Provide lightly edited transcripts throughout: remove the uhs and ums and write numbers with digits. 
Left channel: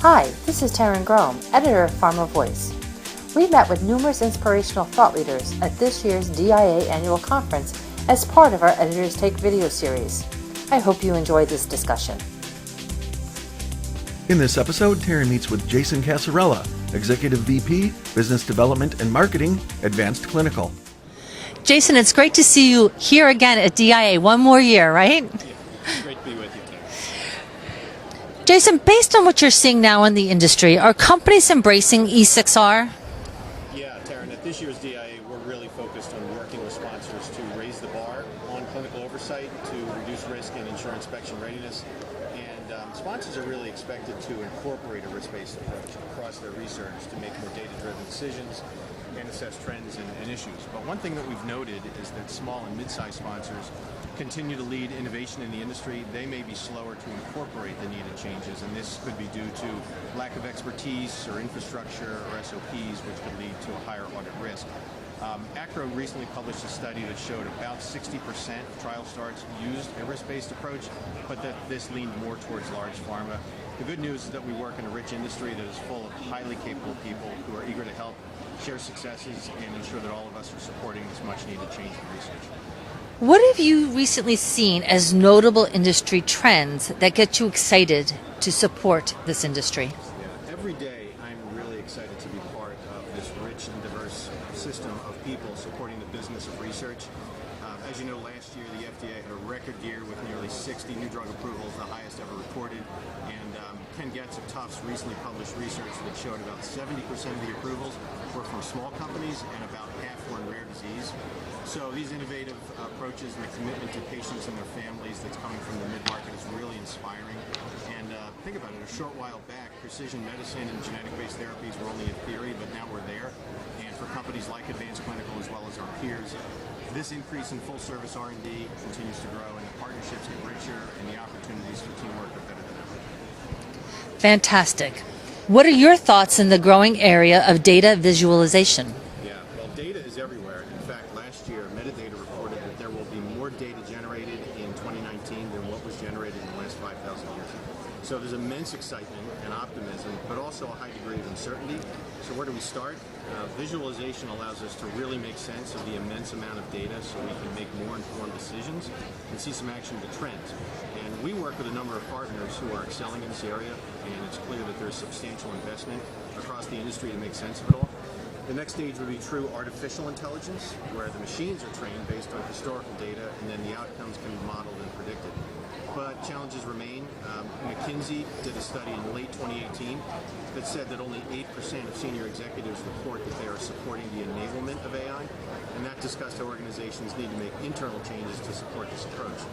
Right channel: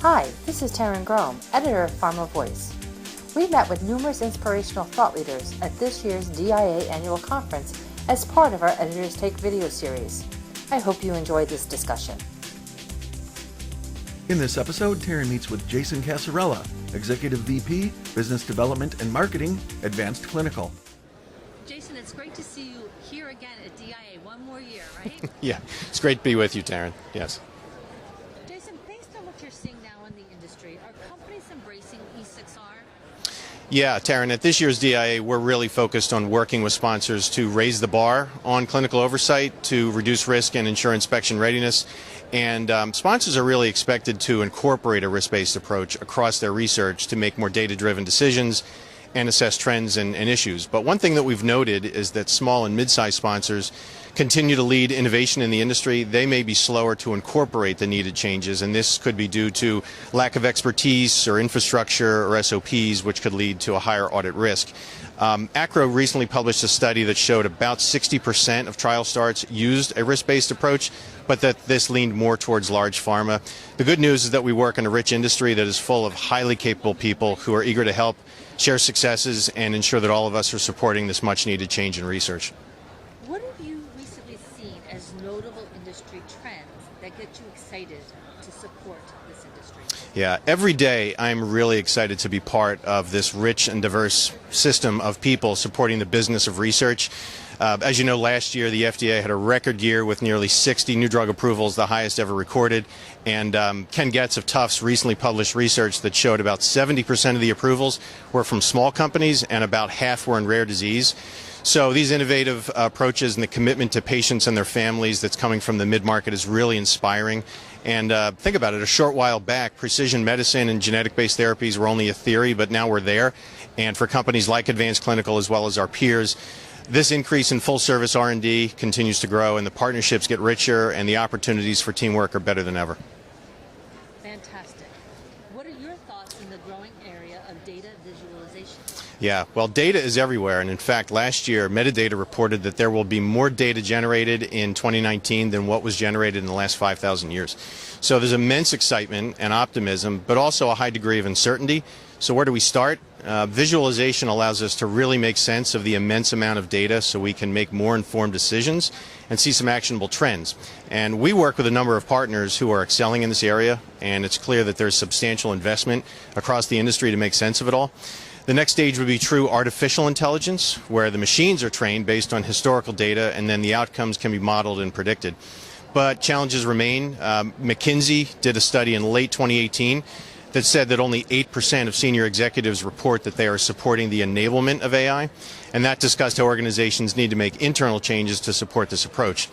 Hi, this is Taryn Grome, editor of Pharma Voice. We met with numerous inspirational thought leaders at this year's DIA annual conference as part of our Editors Take video series. I hope you enjoyed this discussion. In this episode, Taryn meets with Jason Casarella, Executive VP, Business Development and Marketing, Advanced Clinical. Jason, it's great to see you here again at DIA. One more year, right? Yeah, it's great to be with you, Taryn. Yes. Jason, based on what you're seeing now in the industry, are companies embracing E6R? Yeah, Taryn, at this year's DIA, we're really focused on working with sponsors to raise the bar on clinical oversight, to reduce risk and ensure inspection readiness. And sponsors are really expected to incorporate a risk-based approach across their research to make more data-driven decisions and assess trends and issues. But one thing that we've noted is that small and mid-sized sponsors continue to lead innovation in the industry. They may be slower to incorporate the needed changes, and this could be due to lack of expertise or infrastructure or SOPs, which could lead to a higher audit risk. ACRO recently published a study that showed about 60% of trial starts used a risk-based approach, but that this leaned more towards large pharma. The good news is that we work in a rich industry that is full of highly capable people who are eager to help, share successes, and ensure that all of us are supporting this much-needed change in research. What have you recently seen as notable industry trends that get you excited to support this industry? Yeah, every day I'm really excited to be part of this rich and diverse system of people supporting the business of research. As you know, last year the FDA had a record year with nearly 60 new drug approvals, the highest ever recorded. And Ken Getz of Tufts recently published research that showed about 70% of the approvals were from small companies and about half were in rare disease. So these innovative approaches and the commitment to patients and their families that's coming from the mid-market is really inspiring. And think about it, a short while back, precision medicine and genetic-based therapies were only a theory, but now we're there. And for companies like Advanced Clinical as well as our peers, this increase in full-service R&D continues to grow, and the partnerships get richer, and the opportunities for teamwork are better than ever. Fantastic. What are your thoughts in the growing area of data visualization? Yeah, well, data is everywhere, and in fact, last year, Metadata reported that there will be more data generated in 2019 than what was generated in the last 5,000 years. So there's immense excitement and optimism, but also a high degree of uncertainty. So where do we start? Visualization allows us to really make sense of the immense amount of data so we can make more informed decisions and see some actionable trends. And we work with a number of partners who are excelling in this area, and it's clear that there's substantial investment across the industry to make sense of it all. The next stage would be true artificial intelligence, where the machines are trained based on historical data, and then the outcomes can be modeled and predicted. But challenges remain. McKinsey did a study in late 2018 that said that only 8% of senior executives report that they are supporting the enablement of AI, and that discussed how organizations need to make internal changes to support this approach.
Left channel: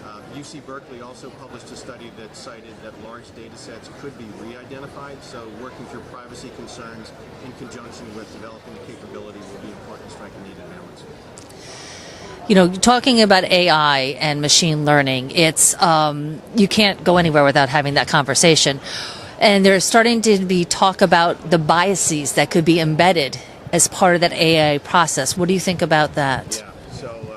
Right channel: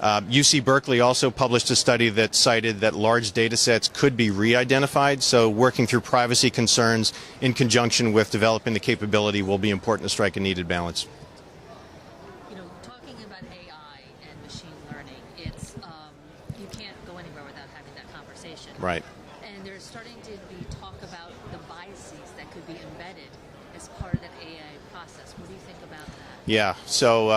UC Berkeley also published a study that cited that large data sets could be re-identified, so working through privacy concerns in conjunction with developing the capability will be important to strike a needed balance. You know, talking about AI and machine learning, it's you can't go anywhere without having that conversation. Right. And there's starting to be talk about the biases that could be embedded as part of that AI process. What do you think about that? Yeah, so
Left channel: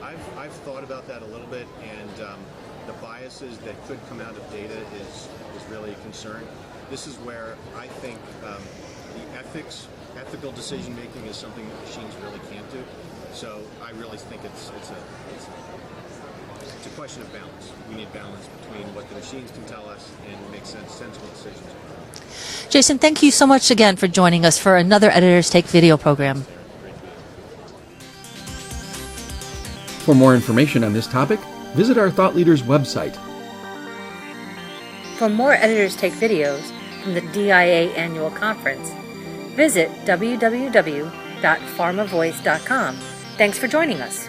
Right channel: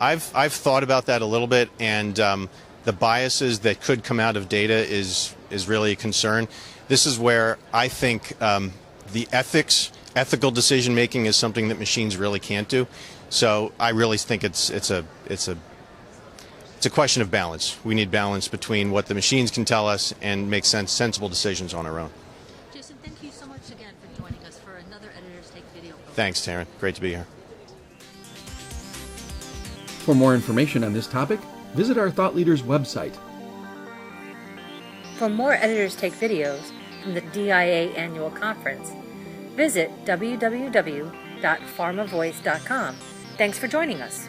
I've thought about that a little bit, and the biases that could come out of data is really a concern. This is where I think the ethical decision making is something that machines really can't do. So I really think it's a question of balance. We need balance between what the machines can tell us and make sensible decisions on our own. Jason, thank you so much again for joining us for another Editors Take video program. Thanks, Taryn. Great to be here. For more information on this topic, visit our Thought Leaders website. For more Editors Take videos from the DIA annual conference, visit www.pharmavoice.com. Thanks for joining us.